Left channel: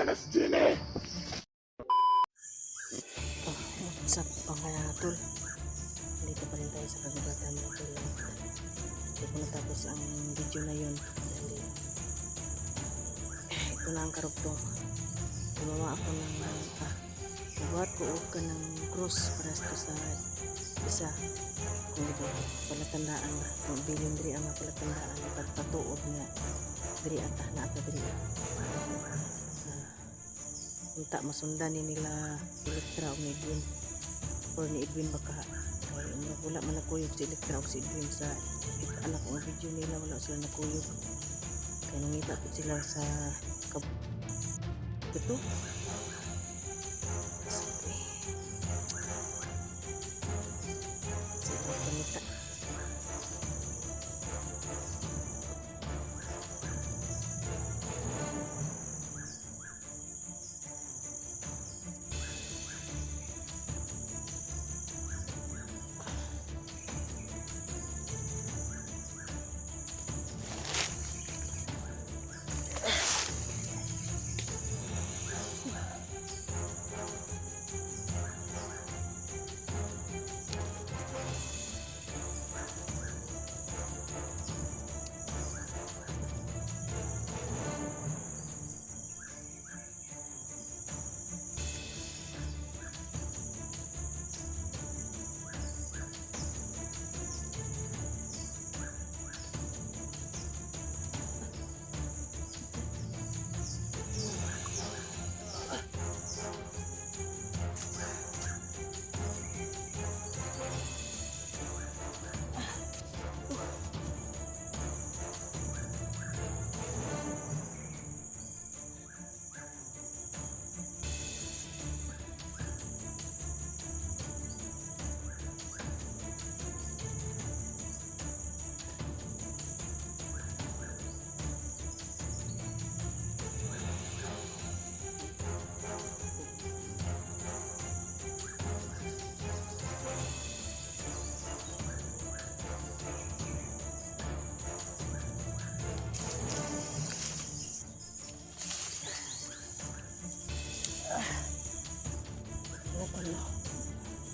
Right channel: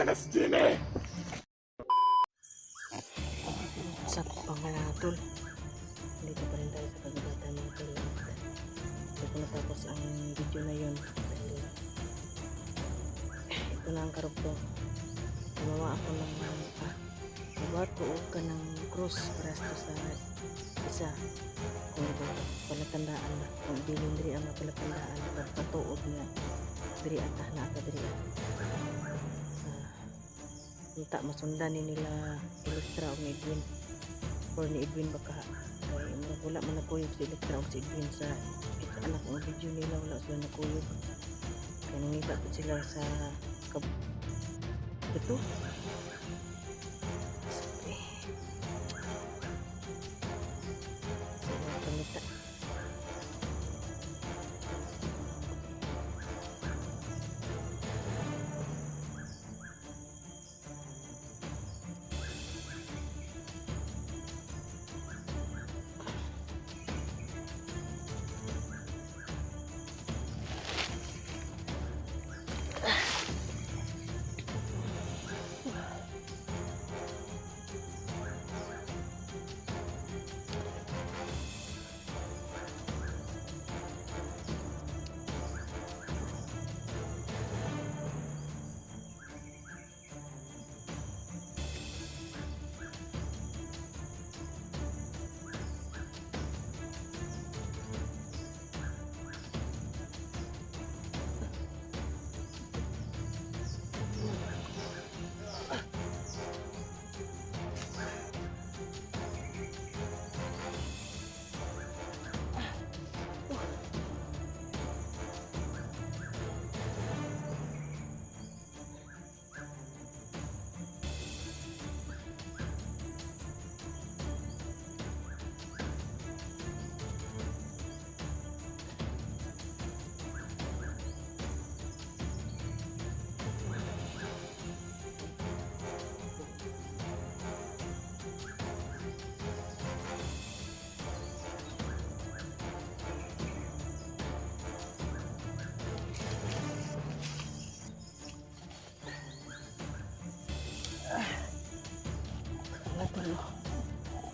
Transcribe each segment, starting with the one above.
Sa pangalatol, dito pa rin tayo sa kagubatan mga tol. Hindi ko natapos ang video na yun dahil ito na ang karugtong. Gumawa ako ng buhat ko og ka ng cross para sa isa kung ito palatandaan ba kung bilin diri ang palatandaan pagpatuod nga diri atah na ata diri unta masundan ni nila Elektra o ni Edwin or ni Edwin baka kay wala man nakuyog si Elektra o si Edwin sa anak ng video nila, wala sila nakuyog kaya nangita sila sa ito sila panita.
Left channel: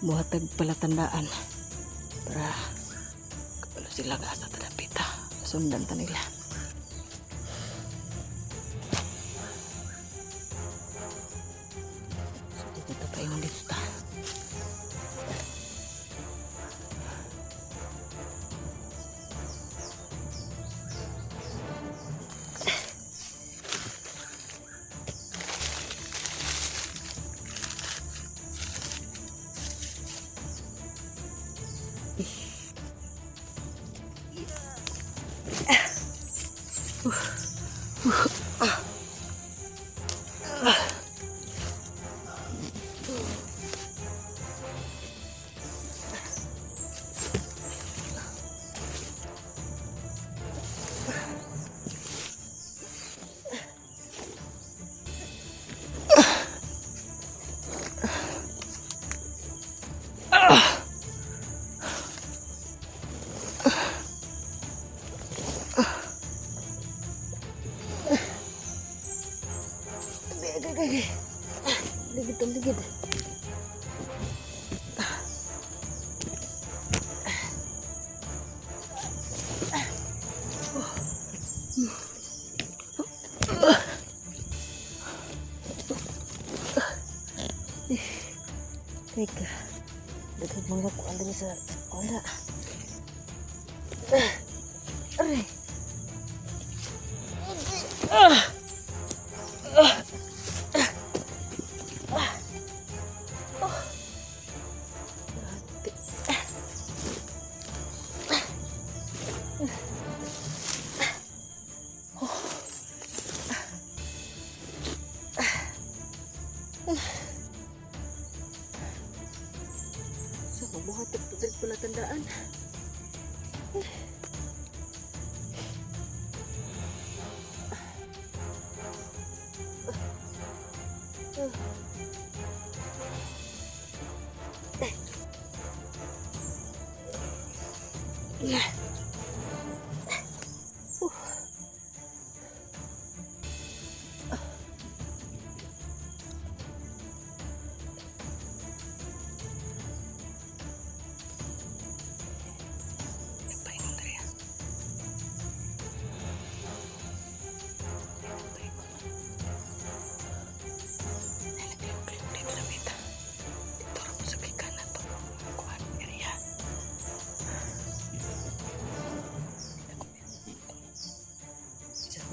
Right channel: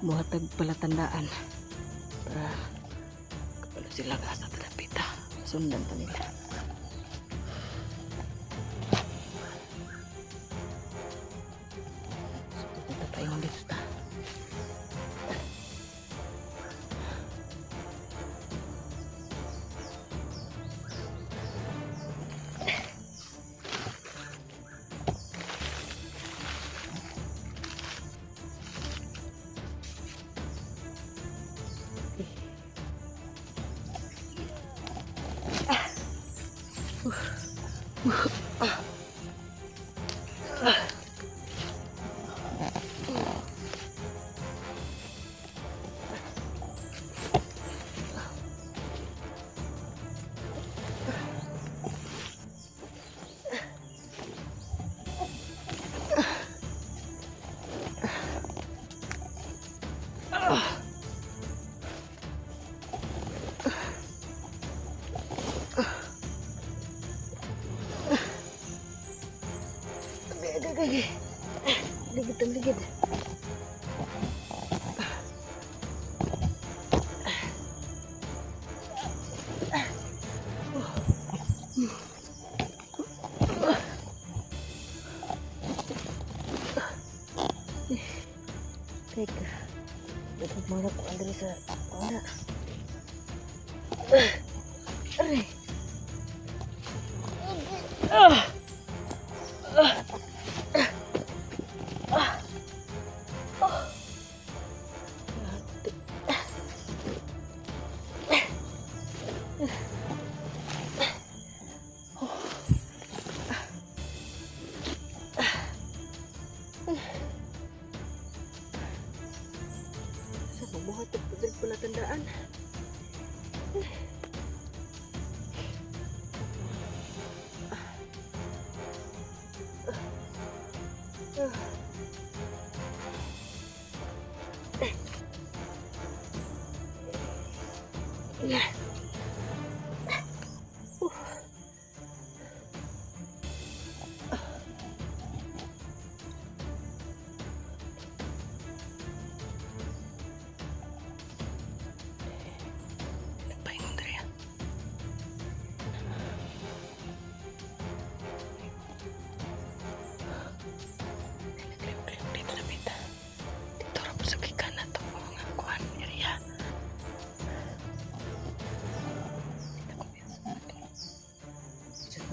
Buhatag palatandaan para kapag sila gasa terapita sundan ta nila. Dito pa yung dito ta. Ligid ang ligid. Teka, butot mga ko andali sa wala. Aray. Sa mabuhat at pagdal pala tandaan.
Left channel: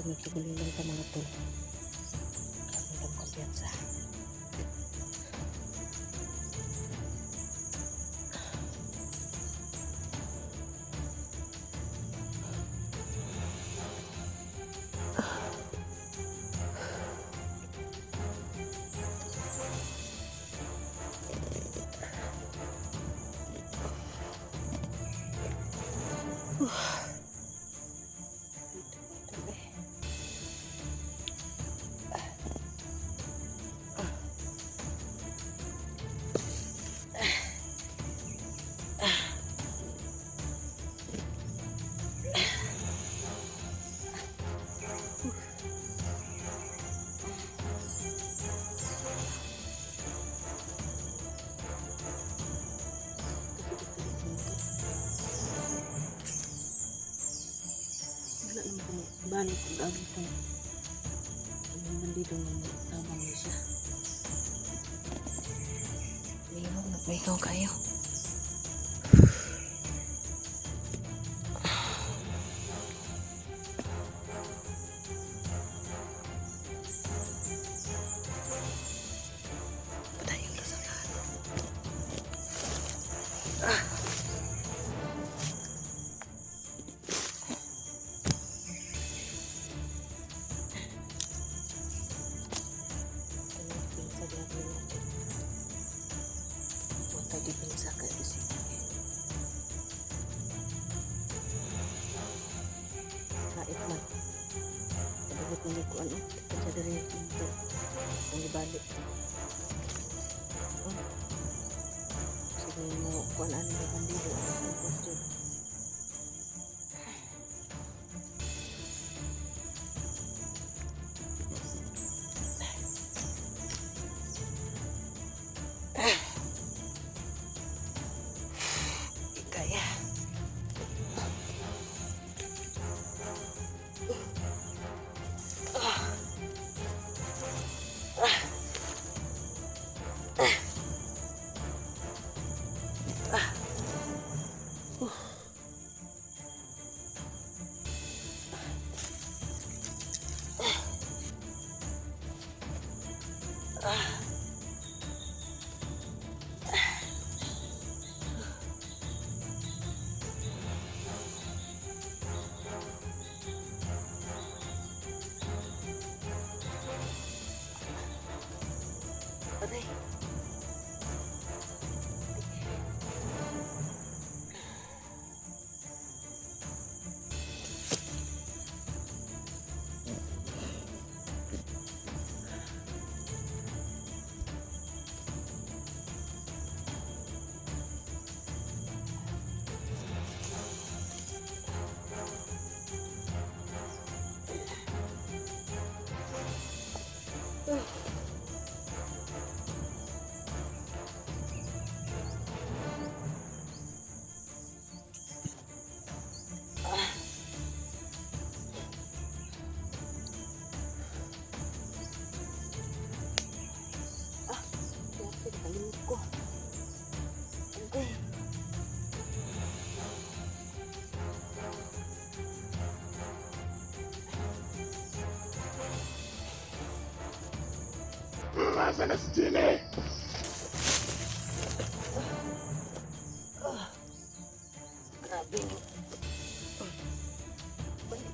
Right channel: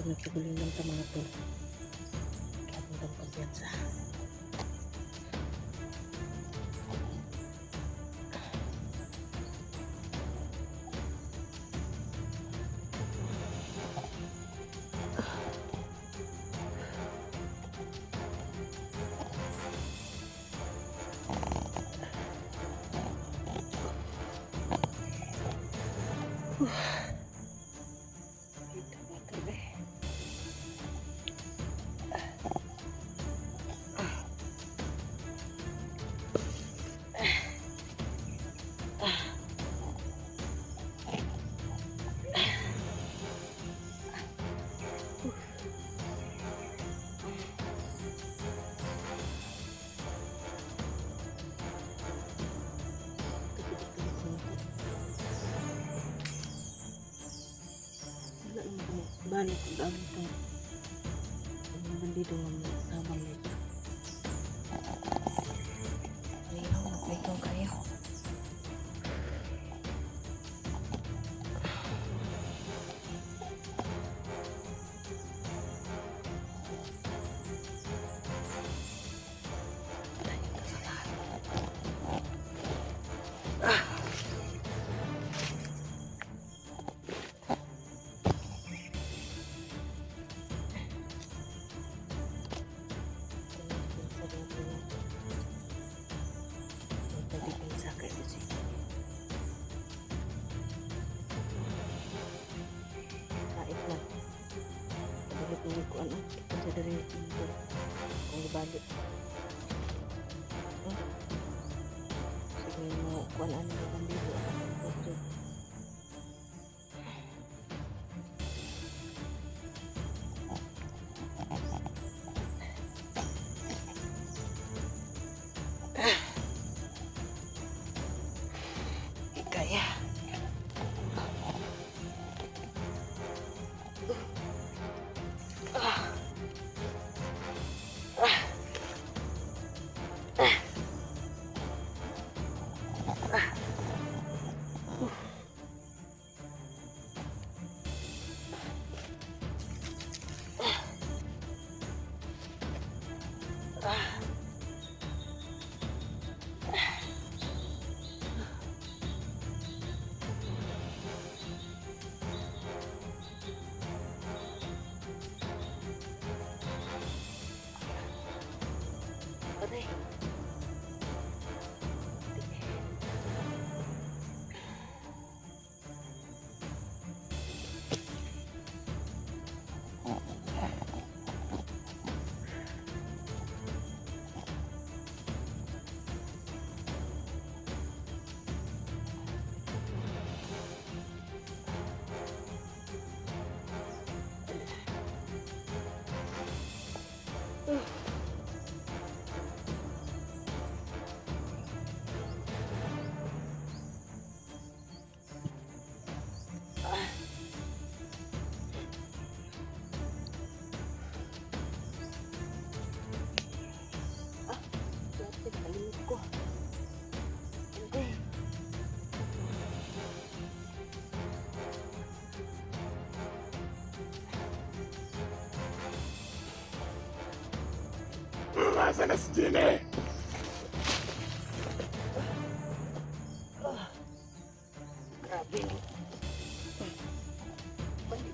Pag nagtiguling lang ta mga tol. Kapag tang kumpiyansa. Dito mga tol eh. Wala naman ko balik kung dami itong yung bandido nga mo tabang niya siya. Ayaw, maglaikaw kayo. Patayin niya sa lahat. Depensa kayak besi. Kait man. Padulot mo ko ano, kita dari motor. Kung ibalik. Sige mo kuan ano na bandido. Kaya. Aray. Kalimut ko. Okay. Nasaan na si Jenny? Grabe.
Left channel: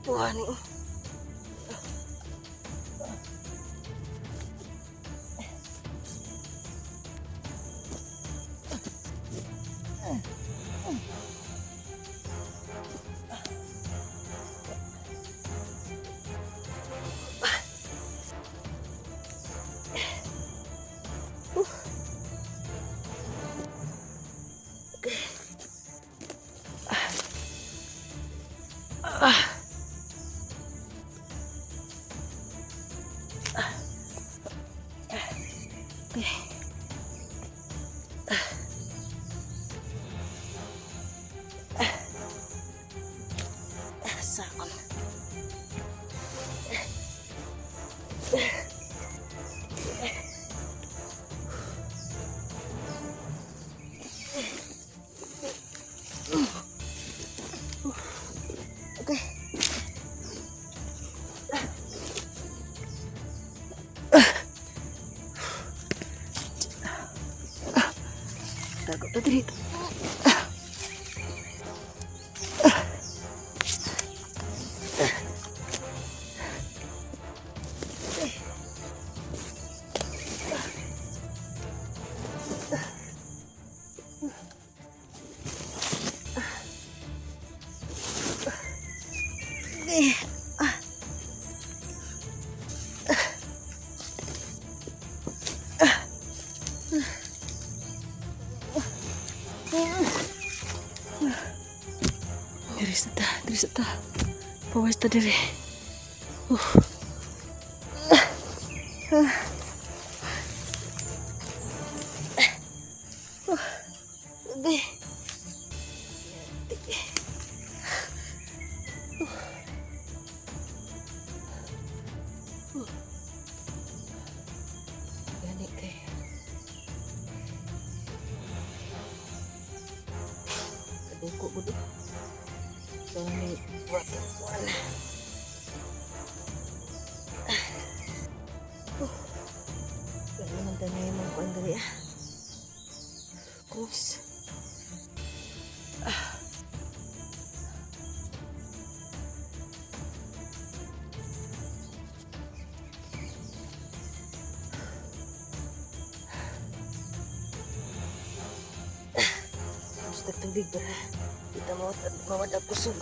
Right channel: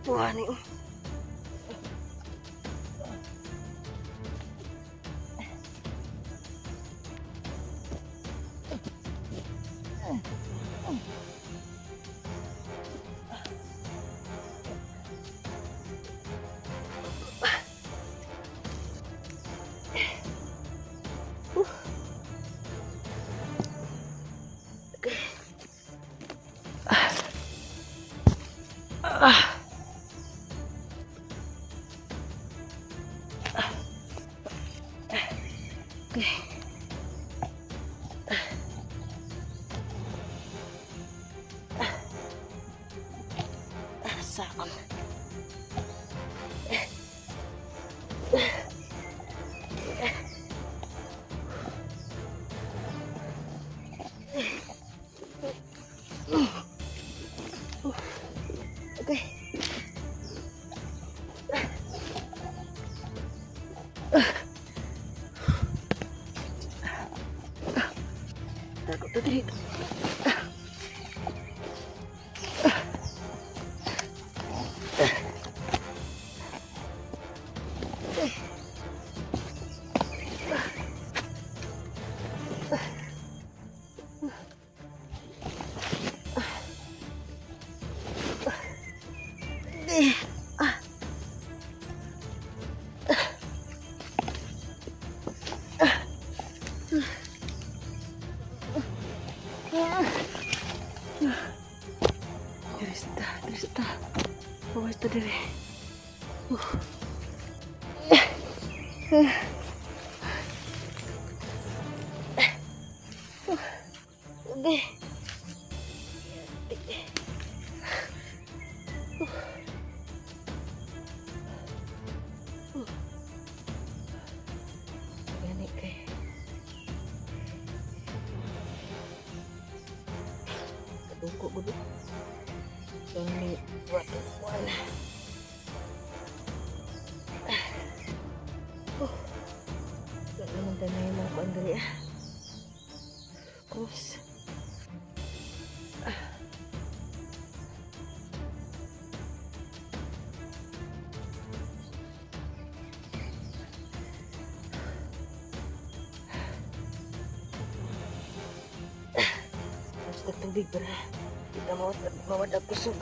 Buhan eh. Sakal. Okay. Tago to dito. Diri sa ta. Pawas ta diri. Udah. Gani kay. Kaduko gudo. Ini buat wala. Yan naman tanay mong kuan diri ah. Krus. Basta tubig ba? Kita mawadag kusog.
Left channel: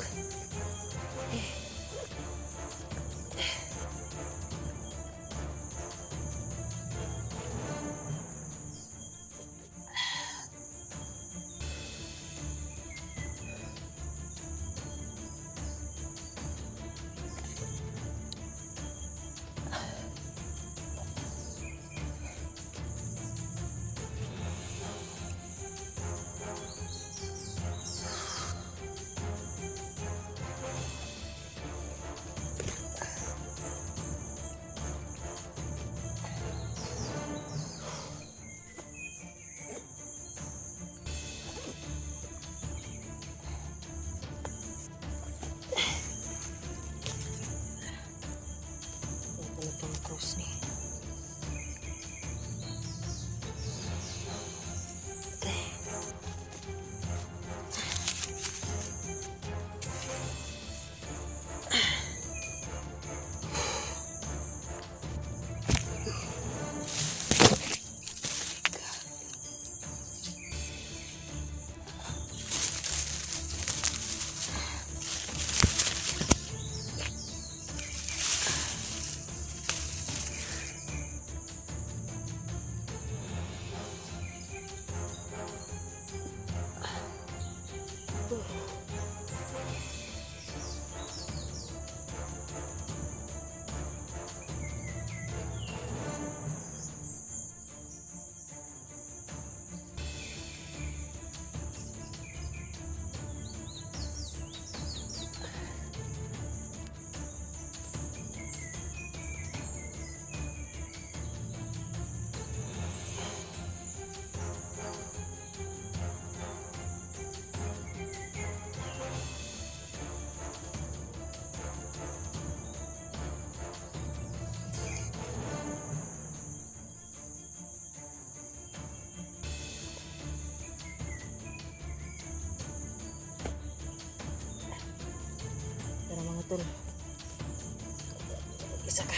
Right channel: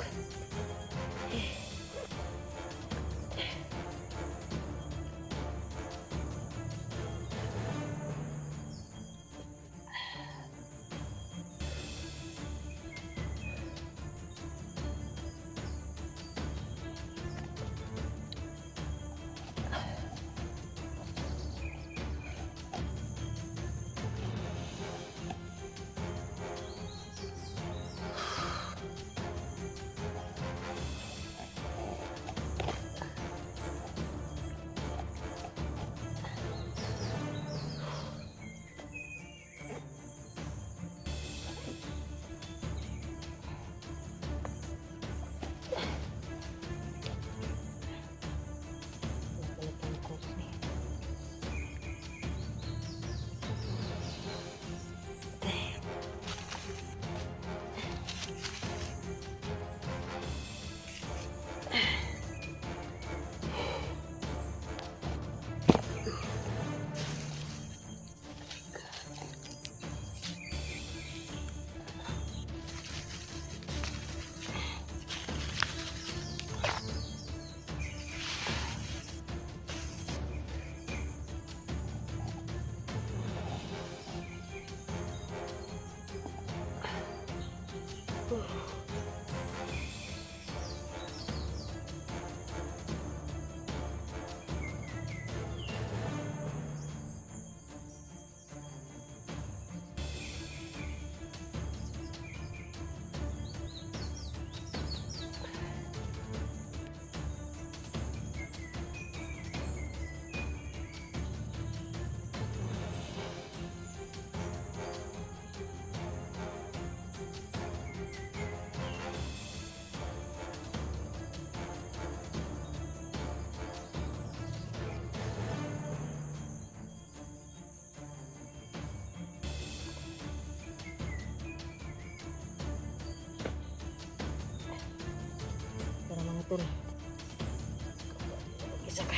Krus nih. Para mga tol. Isa ka.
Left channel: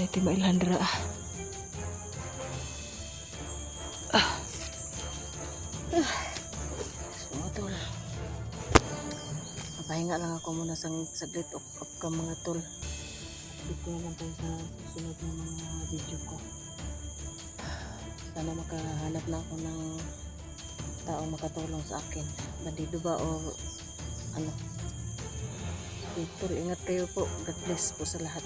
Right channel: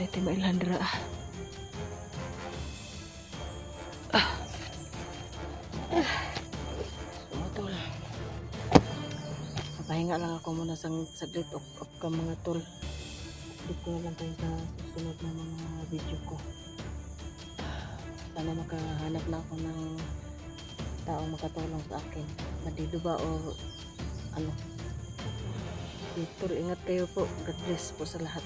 Tayo ito mailandra. Sumutol. Papahinga lang ako muna saglit of ka mga tol. Dito na lang tayo sa susunod na mga video ko. Sana makahanap na ako ng taong makatulong sa akin. Bandido ba o ano? Victor, ingat kayo po. God bless po sa lahat.